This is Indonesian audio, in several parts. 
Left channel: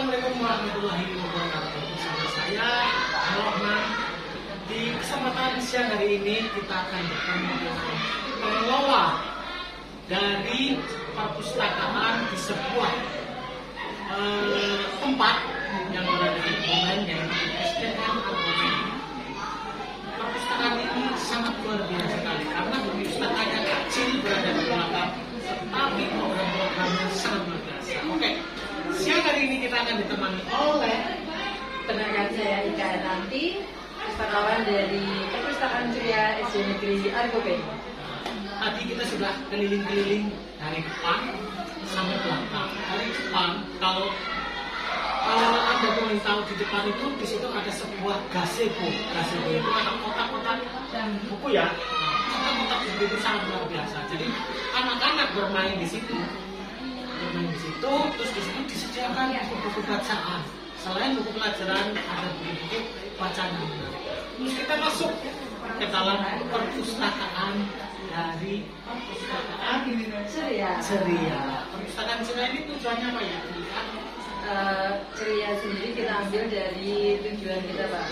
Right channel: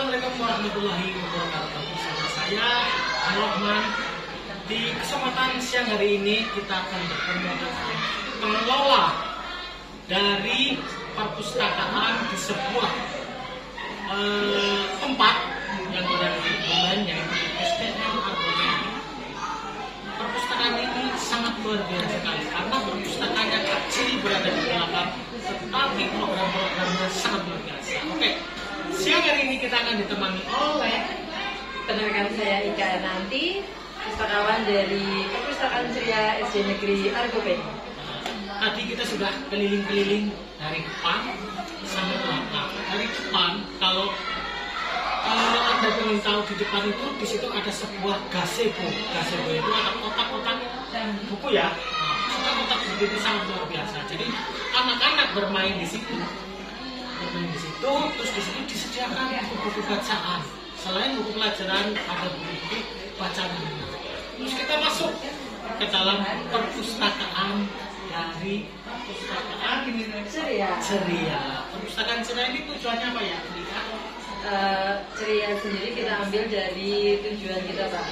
Assalamualaikum warahmatullahi wabarakatuh. Bersama saya Rahman. Di kesempatan siang hari ini kita akan bertemu dengan pengelola dari perpustakaan di sebuah tempat yang berada di Kebumen, yaitu SDN Argomen. Perpustakaan ini sangat luar biasa sekali karena perpustakaannya kecil berada di belakang, tetapi program-programnya sangat luar biasa. Oke, siang hari ini kita akan ditemani oleh rekan saya Ika Nanti, pustakawan dari Perpustakaan Ceria SD Negeri Argomen. Tadi kita sudah keliling-keliling dari depan sampai belakang. Dari depan, kalau Anda ingin tahu, di depan itu di situ ada sebuah gazebo. Gazebo itu ada kotak-kotak buku ya. Kotak-kotak buku itu sangat luar biasa. Jadi anak-anak bermain di situ. Terus di situ disediakan buku-buku bacaan. Selain buku pelajaran, ada buku-buku bacaan yang menarik. Terus kita masuk ke dalam perpustakaan dari perpustakaan Ceria. Perpustakaan Ceria ini tujuannya apa ya? Ceria sendiri kita ambil dari tujuan kita Pak,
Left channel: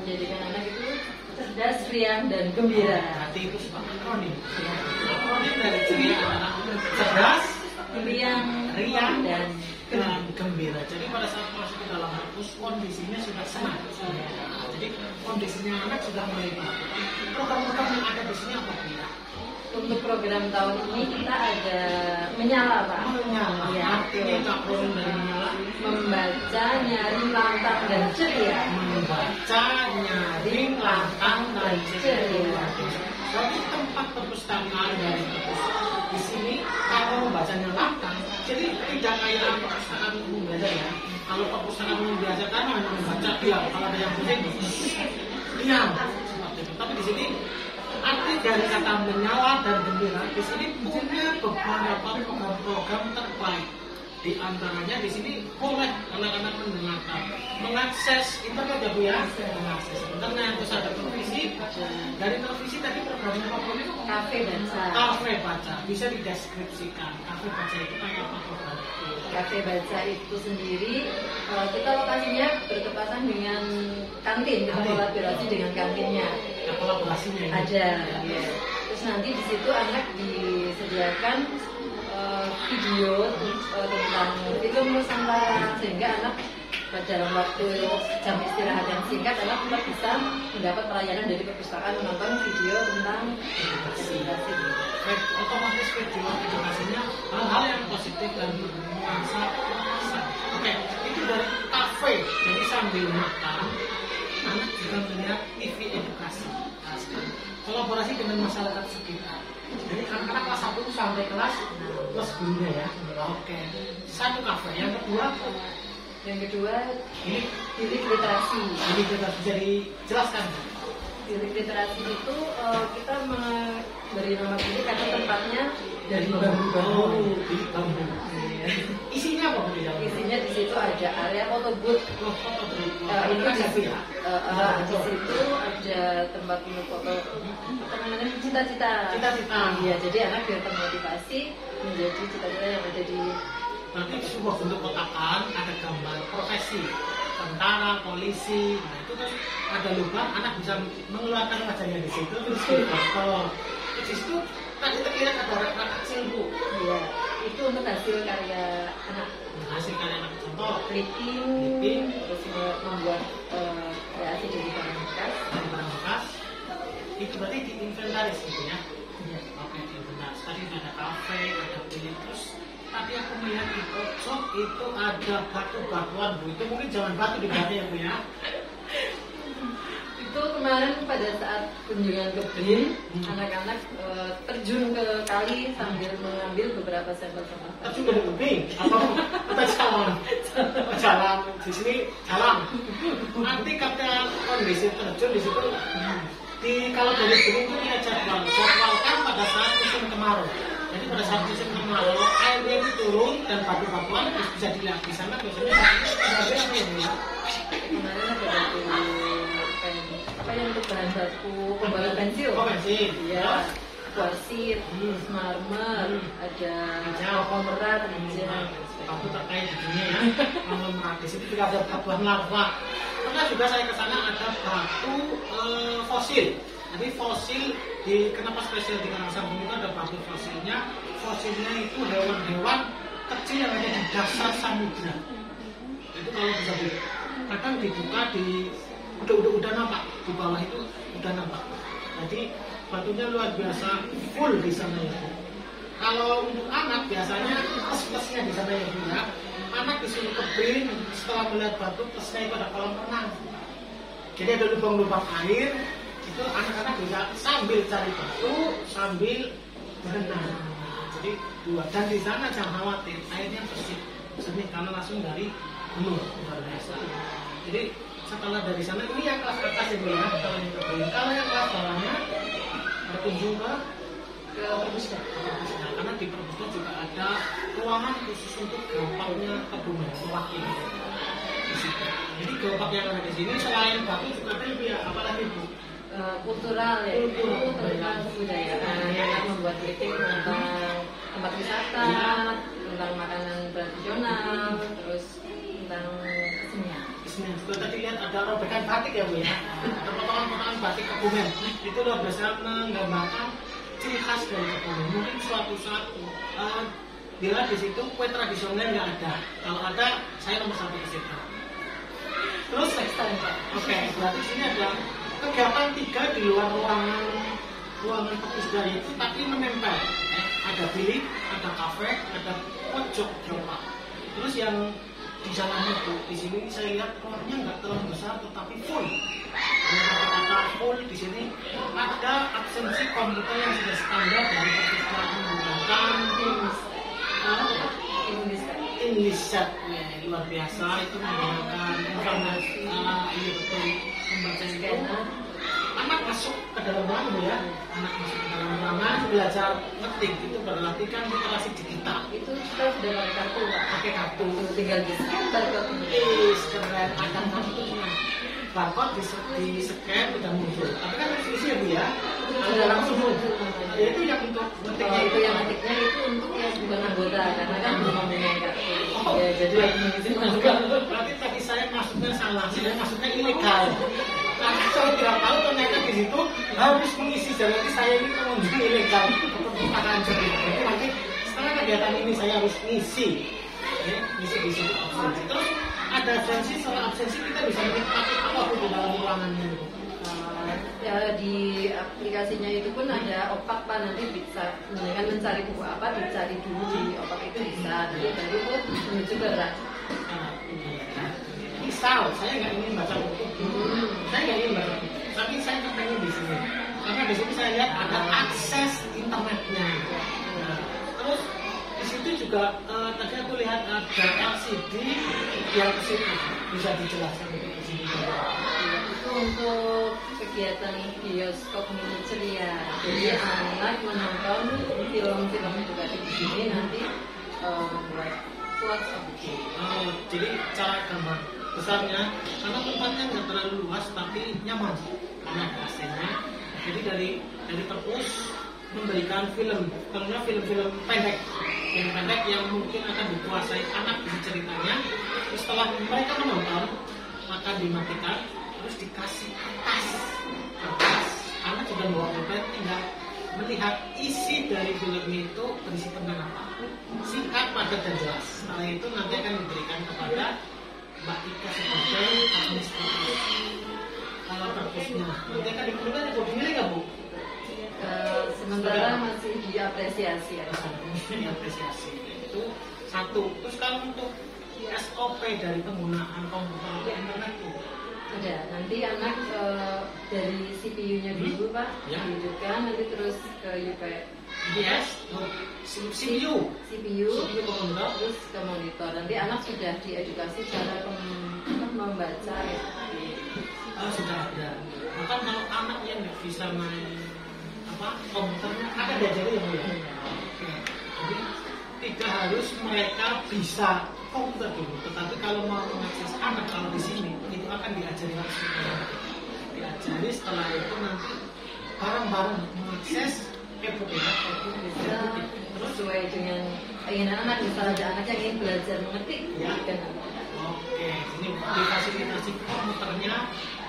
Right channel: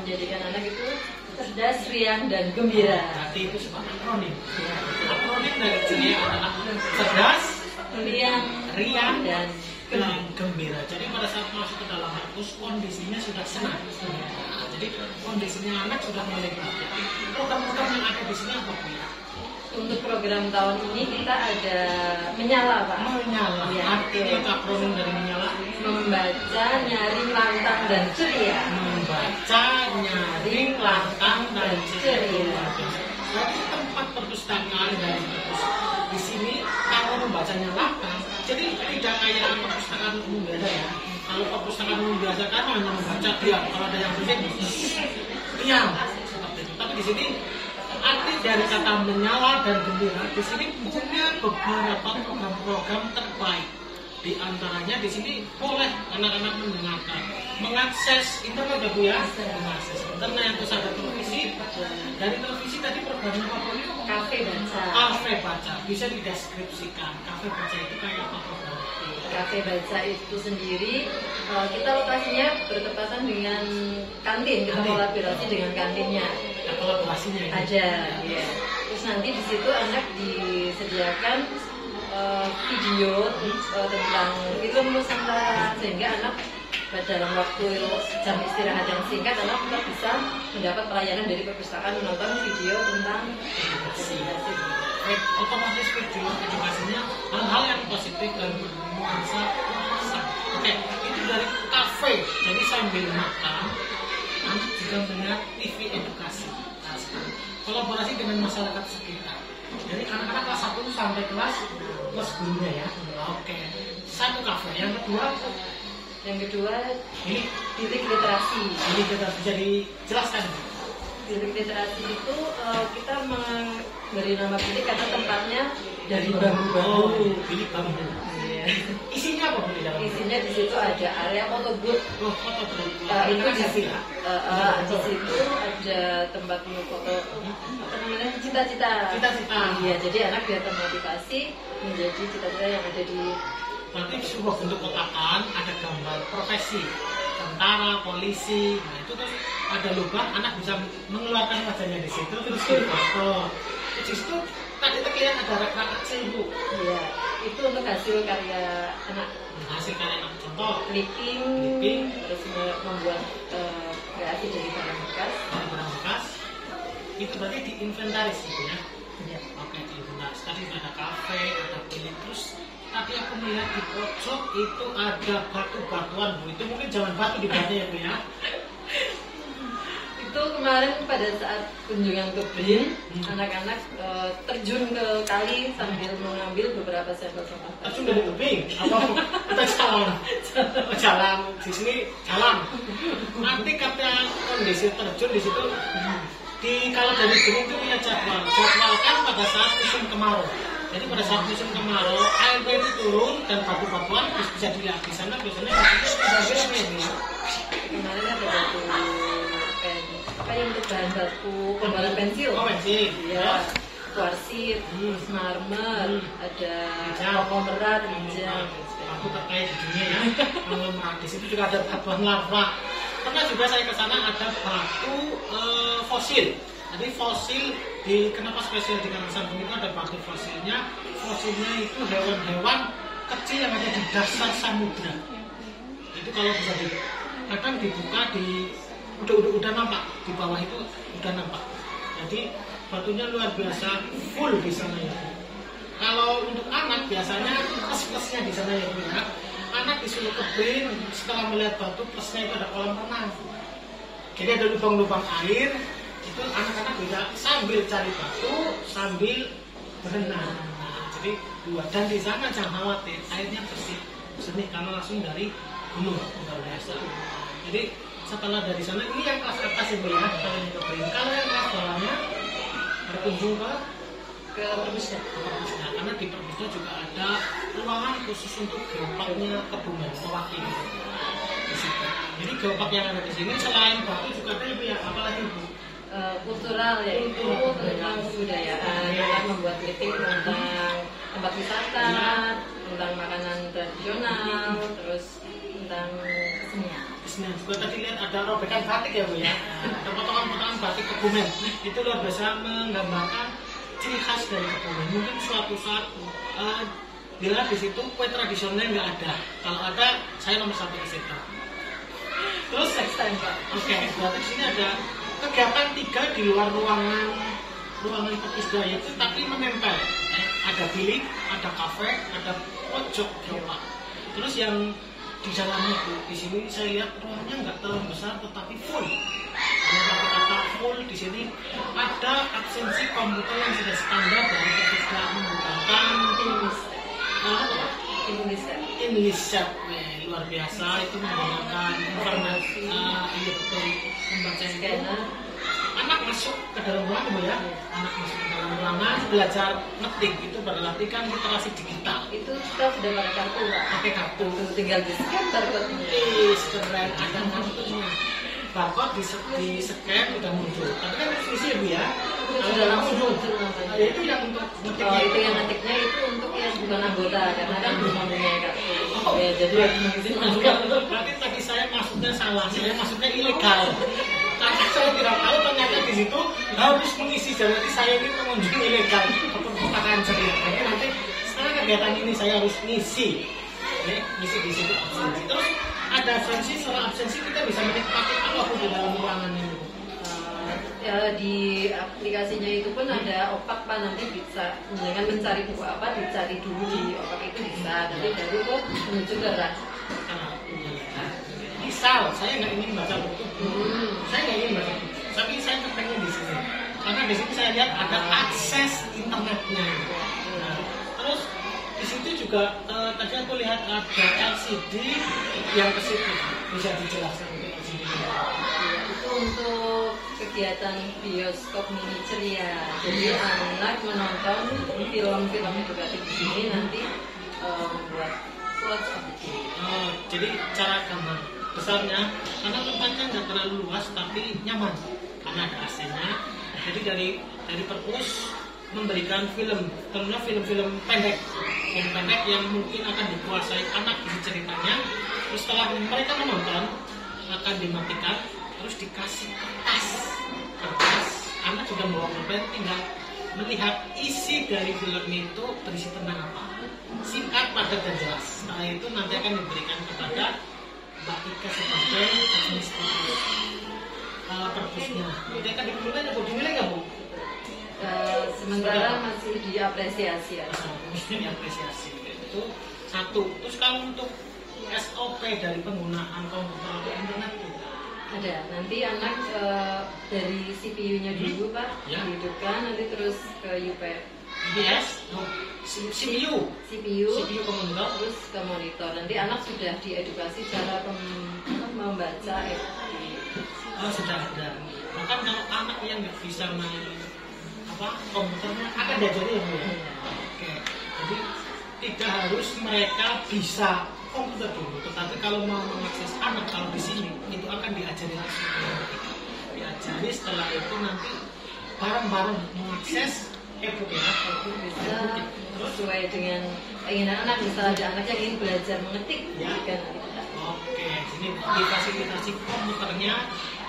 menjadikan anak itu cerdas, riang, dan gembira. Berarti itu sebuah akronim. Akronim dari Ceria adalah cerdas, riang, dan gembira. Jadi pada saat masuk ke dalam perpus, kondisinya sudah senang. Jadi kondisinya anak sudah mulai bagus. Program-program yang ada di sini apa ya? Untuk program tahun ini kita ada menyala Pak. Menyala. Ya, artinya itu akronim dari menyala. Membaca, nyaring, lantang, dan ceria. Membaca, nyaring, lantang, dan ceria. Berarti tempat perpustakaan dari perpus di sini kalau membacanya lantang, jadi tidak kayak perpustakaan umum biasa ya. Kalau perpustakaan umum biasa kan hanya membaca diam, kalau ada yang penting diam seperti itu. Tapi di sini arti dari kata menyala dan gembira di sini punya beberapa program-program terbaik. Di antaranya di sini boleh anak-anak mendengarkan, mengakses internet ya Bu ya, mengakses internet, terus ada televisi. Dari televisi tadi programnya apa Bu? Kafe baca. Kafe baca, bisa dideskripsikan. Kafe baca itu kayak apa program? Kafe baca itu sendiri kita lokasinya bertepatan dengan kantin, kita kolaborasi dengan kantinnya. Ada kolaborasinya ini? Ada, ya. Terus nanti di situ anak disediakan video tentang film Nusantara, sehingga anak dalam waktu jam istirahat yang singkat anak tetap bisa mendapat pelayanan dari perpustakaan menonton video tentang edukasi. Otomatis video edukasinya hal-hal yang positif dan bernuansa pesan. Oke, itu dari kafe. Jadi sambil makan, anak juga melihat TV edukasi. Nah, kolaborasi dengan masyarakat sekitar. Jadi anak-anak kelas 1 sampai kelas gurunya ya. Oke. Satu kafe. Yang kedua ini bilik literasi. Bilik literasi, jadi jelaskan. Bilik literasi itu kita memberi nama bilik karena tempatnya dari bambu. Bilik bambu. Isinya apa Bu? Isinya di situ ada area foto booth. Foto booth. Itu di situ. Di situ ada tempat foto apa namanya, cita-cita. Iya, jadi anak biar termotivasi menjadi cita-cita yang ada di. Berarti sebuah bentuk kotakan, ada gambar profesi, tentara, polisi. Nah itu terus ada lubang, anak bisa mengeluarkan wajahnya di situ, terus foto. Di situ tadi terlihat ada rak kecil Bu. Iya, itu untuk hasil karya anak. Hasil karya anak, contoh clipping, terus membuat kreasi dari barang bekas. Itu berarti diinventaris gitu ya? Iya. Oke, diinventaris. Tadi ada kafe, ada bilik, terus tadi aku melihat di pojok itu ada batu-batuan Bu. Itu mungkin jangan batu di batu ya Bu ya? Itu kemarin pada saat kunjungan ke BRIN, anak-anak terjun ke kali sambil mengambil beberapa sampel sampah. Terjun dari tebing atau kita jalan di sini jalan. Nanti kata kondisi terjun di situ. Kalau dari BRIN itu punya jadwalkan pada saat musim kemarau. Jadi pada saat musim kemarau airnya itu turun dan batu-batuan bisa dilihat di sana. Biasanya batunya kemarin ada batu apa yang untuk bahan baku pembalut pensil. Oh pensil. Iya. kuarsit, terus marmer, ada konglomerat, rijal. Aku terkait di dunia ya, konglomerat. Di situ juga ada batuan lava. Pernah juga saya ke sana ada batu fosil. Jadi fosil kenapa spesial di Karangsambung itu ada batu fosilnya. Fosilnya itu hewan-hewan kecil yang ada di dasar samudra. Itu kalau bisa kadang dibuka udah nampak di bawah itu udah nampak. Jadi batunya luar biasa full di sana ya Bu. Kalau untuk anak biasanya plus-plusnya di sana ya Bu ya. Anak disuruh kebin setelah melihat batu, plusnya itu ada kolam renang. Jadi ada lubang-lubang air, itu anak-anak bisa sambil cari batu sambil berenang. Nah, jadi dua, dan di sana jangan khawatir airnya bersih karena langsung dari gunung luar biasa. Jadi setelah dari sana ini yang kelas atas ini ya, kalau yang kebin. Kalau yang kelas bawahnya berkunjung ke Perpusda. Nah, karena di Perpusda juga ada ruangan khusus untuk geopaknya Kebumen mewakili di situ. Jadi geopak yang ada di sini selain batu juga ada ya, apalagi Bu? Kultural ya, itu tentang kebudayaan, yang membuat kritik tentang tempat wisata, tentang makanan tradisional, terus tentang kesenian. Juga tadi lihat ada robekan batik ya Bu ya, ada potongan-potongan batik Kebumen. Itu luar biasa menggambarkan ciri khas dari Kebumen. Mungkin suatu saat bila di situ kue tradisionalnya nggak ada. Kalau ada, saya nomor 1 ke situ. Terus next time Pak. Oke, berarti di sini ada kegiatan 3 di luar ruangan Perpusda itu, tapi menempel. Ada bilik, ada kafe, ada pojok geopark. Terus yang di dalamnya Bu, di sini saya lihat ruangnya nggak terlalu besar, tetapi full. Dengan kata-kata full di sini ada absensi komputer yang sudah standar dari Perpusda menggunakan Inlisat. Luar biasa, itu menggunakan informasi, iya betul, membaca scanner. Anak masuk ke dalam ruangan ya, anak masuk ke dalam ruangan belajar ngetik, itu berarti kan literasi digital. Itu kita sudah pakai kartu Pak. Pakai kartu, tinggal di-scan barcode-nya. Keren, ada kartunya. Barcode di scan udah muncul. Tapi kan harus isi ya Bu ya. Sudah langsung muncul namanya. Ya, itu yang untuk ngetiknya. Itu yang ngetiknya itu untuk yang bukan anggota, karena kan belum mempunyai kartu. Ya, jadi mengisi masukkan. Berarti tadi saya masuknya salah, saya masuknya ilegal. Karena saya tidak tahu ternyata di situ harus mengisi. Jadi saya ini pengunjung ilegal untuk perpustakaan sendiri. Jadi nanti setelah kegiatan ini saya harus ngisi. Ngisi di situ absensi. Terus ada absensi, setelah absensi kita bisa menikmati apa pun di dalam ruangan ini. Ya, di aplikasinya itu pun ada opak Pak, nanti bisa dengan mencari buku apa dicari dulu di opak itu bisa, nanti dari itu menuju ke rak. Misal saya nggak ingin baca buku, saya nggak ingin baca buku, tapi saya terpengen di sini karena di sini saya lihat ada akses internetnya. Nah, terus di situ juga tadi aku lihat ada LCD yang ke situ, bisa dijelaskan untuk LCD. Itu untuk kegiatan bioskop mini ceria. Jadi anak menonton film-film edukatif di sini nanti buat watch of the day. Jadi cara gambar besarnya karena tempatnya nggak terlalu luas tapi nyaman karena ada AC-nya. Jadi dari Perpus memberikan filmnya film-film pendek yang mungkin akan dikuasai anak di ceritanya. Terus setelah mereka menonton akan dimatikan, terus dikasih kertas. Anak juga bawa pulpen, tinggal melihat isi dari filmnya itu berisi tentang apa. Singkat, padat, dan jelas. Setelah itu nanti akan diberikan kepada Mbak Ika sebagai administrator Perpusnya. Nanti akan dipilih atau dimilih nggak Bu? Sementara masih diapresiasi ya. Diapresiasi itu satu. Terus kalau untuk SOP dari penggunaan komputer atau internet itu ada. Nanti anak dari CPU-nya dulu Pak, dihidupkan, nanti terus ke UPS, CPU komputer, terus ke monitor. Nanti anak sudah diedukasi cara membaca sudah ada. Bahkan kalau anak yang nggak bisa main komputernya akan diajari ya Bu ya. Oke. Jadi tidak harus mereka bisa komputer dulu, tetapi kalau mau mengakses anak kalau di sini itu akan diajari langsung. Diajari, setelah itu nanti bareng-bareng mengakses e-book ya. E-book bisa sesuai dengan keinginan anak. Misalnya ada anak yang ingin belajar mengetik, Ya. kan nanti kita. Oke, ini difasilitasi komputernya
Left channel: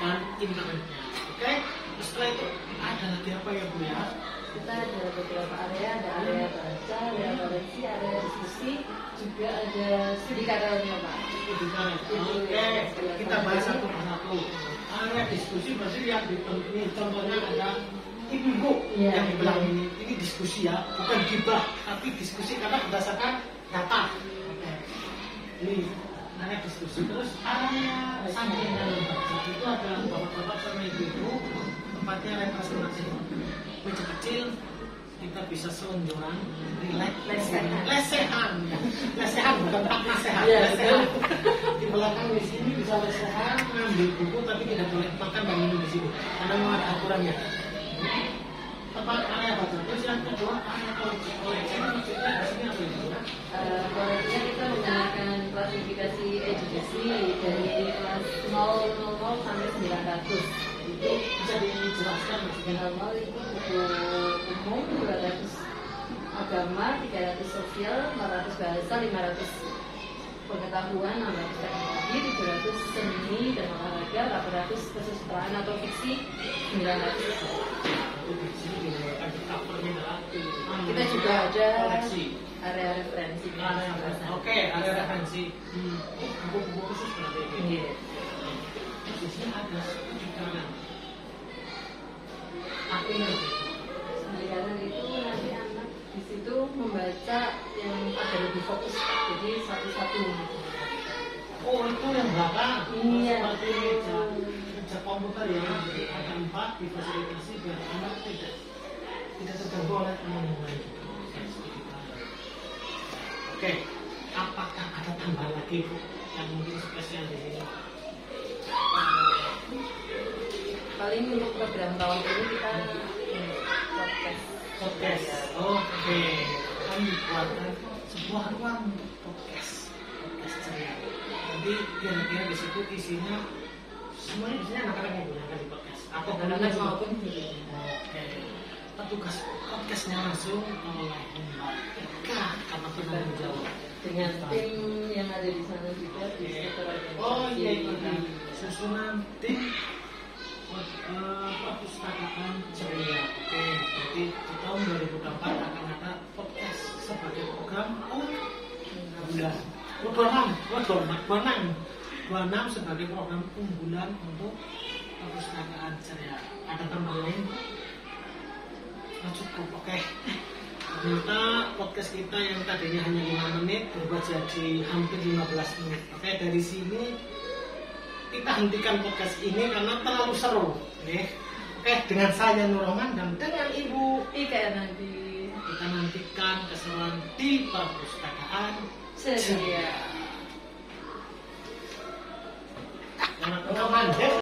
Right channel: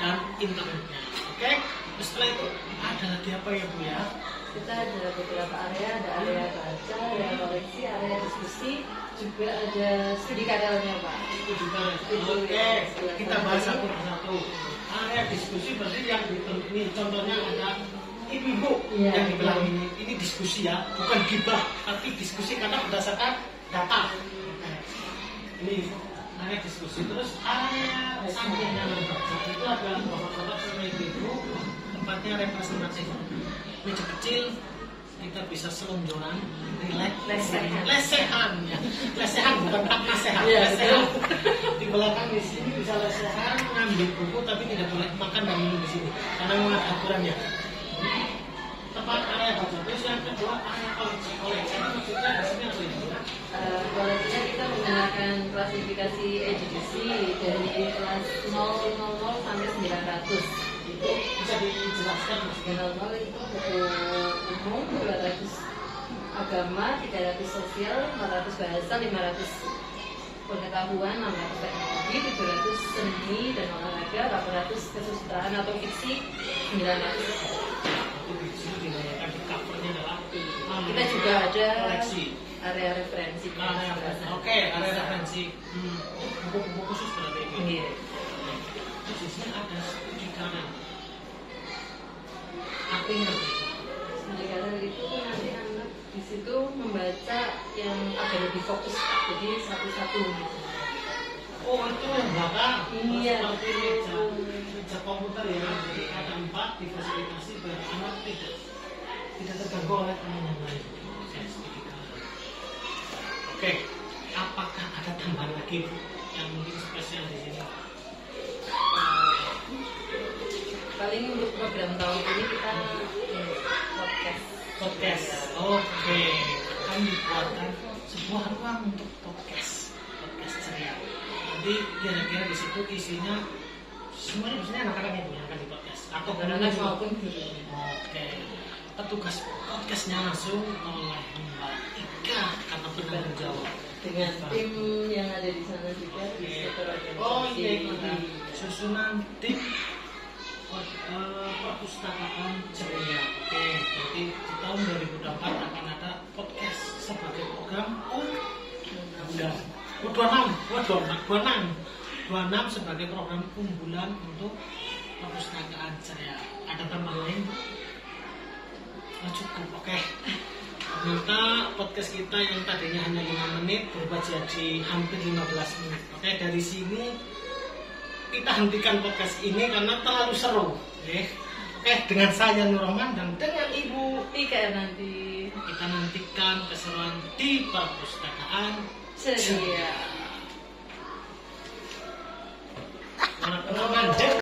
dan internetnya. Oke, terus setelah itu ada lagi apa ya Bu ya? Kita ada beberapa area, ada area baca, area koleksi, area diskusi, juga ada studi kadernya Pak. Oke, kita bahas satu persatu. Area diskusi berarti yang ini contohnya ada ibu-ibu Iya, yang di belakang iya. ini diskusi ya, bukan gibah tapi diskusi karena berdasarkan data. Oke. Ini area diskusi, terus area sampingnya itu ada bapak-bapak sama ibu-ibu, tempatnya representatif. Meja kecil kita bisa selonjoran, lesehan ya, lesehan bukan tak nasehat, Iya, lesehan. Di belakang di sini bisa lesehan, ngambil buku tapi tidak boleh makan dan minum di sini karena memang ada aturannya. Tempat area baca, terus yang kedua area koleksi. Koleksi maksudnya di sini apa ya? Koleksinya kita menggunakan klasifikasi edukasi dari kelas 000 sampai 900. Itu bisa dijelaskan maksudnya. 0 itu buku umum, 200 agama, 300 sosial, 400 bahasa, 500 pengetahuan, 600 teknologi, 700 seni dan olahraga, 800 kesusastraan atau fiksi, 900 Di sini digunakan covernya adalah kita juga ada koleksi. area referensi. Oke, area referensi. Buku-buku khusus berarti ini. Iya. Di sini ada studi kanan. Artinya apa itu? Studi kanan itu nanti anak di situ membaca yang agak lebih fokus, jadi satu-satu gitu. Oh, itu yang belakang. Iya. Seperti meja komputer ya. Jadi ada 4 difasilitasi biar anak tidak terganggu oleh teman yang lain. Oke, studi kanan. Oke, apakah ada tambahan lagi Bu yang mungkin spesial di sini? Paling untuk program tahun ini kita podcast. Oke, akan dibuatkan sebuah ruang untuk podcast ceria. Nanti kira-kira di situ isinya semuanya biasanya anak-anak yang akan di podcast atau Anak-anak maupun guru. Oke, petugas podcastnya langsung oleh Mbak Ika karena penanggung jawab Dengan tim yang ada di sana juga di sektor organisasi. Oh iya, susunan tim perpustakaan ceria. Oke, berarti di tahun 2024 akan ada podcast sebagai program unggulan. 26 sebagai program unggulan untuk perpustakaan ceria. Ada tambahan lain? Oh, cukup, oke. Ternyata podcast kita yang tadinya hanya 5 menit berubah jadi hampir 15 menit. Oke, dari sini kita hentikan podcast ini karena terlalu seru. Oke, dengan saya Nur Rohman dan dengan Ibu Ika nanti kita nantikan keseruan di perpustakaan ceria.